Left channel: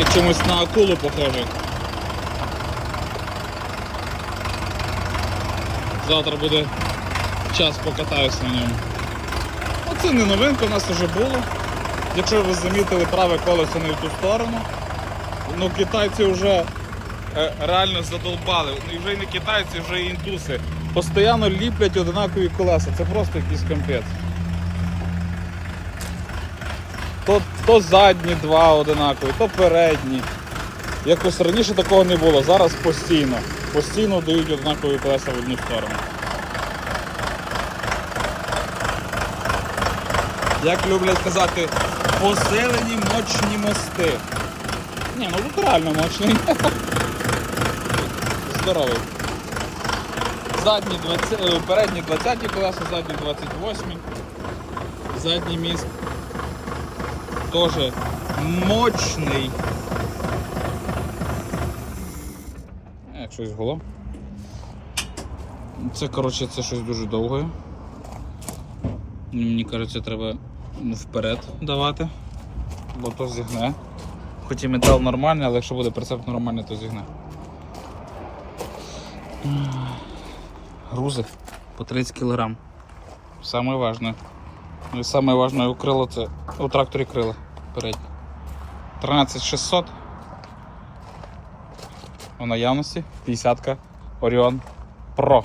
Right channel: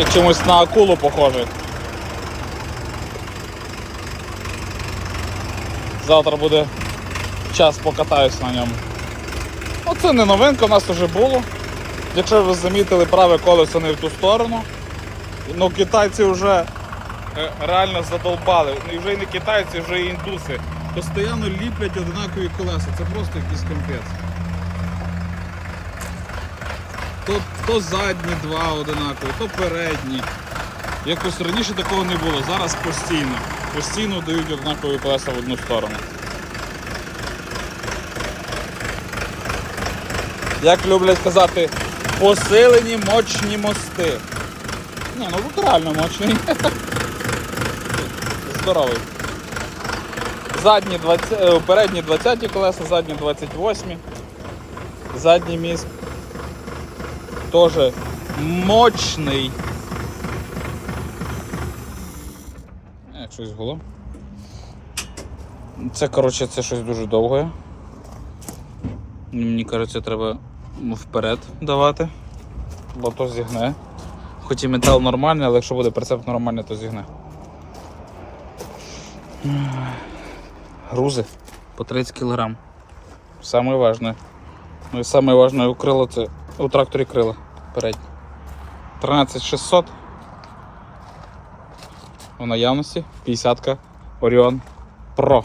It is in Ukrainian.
І чомусь на акулу похоже. Завтра буде час покатаюсь на ньому. Оце не новинка, у нас вже було. Якщо ви замітили праве колесо не в ту сторону, ну китайці вже е, реально задолбали. Ну, І вже і не китайці, вже і індуси. Постоянно ліплять одинакові колеса. Це просто якийсь компець. То, то задні два одинакові, то передні. Якось раніше такого не було, зараз постійно. Постійно дають однакові колеса в одну сторону. Як люблять казати, посилені мощні мости. Ні, ну тут реально мощний. Здоровий. Задні 20, е, передні 20 колеса, задні 28. Задній міст теж мощний. Як щось було. Це, коротше, це щось дуже довге. Мені кажеться, треба вперед давати, бо то зігне. Хоч і метал нормальний, але якщо буде прицеп нормальний, то зігне. Грузи по 30 кг. Саме важне. Ну і це у тракторі крила передні. 13600. У наявності 50 Orion Pro.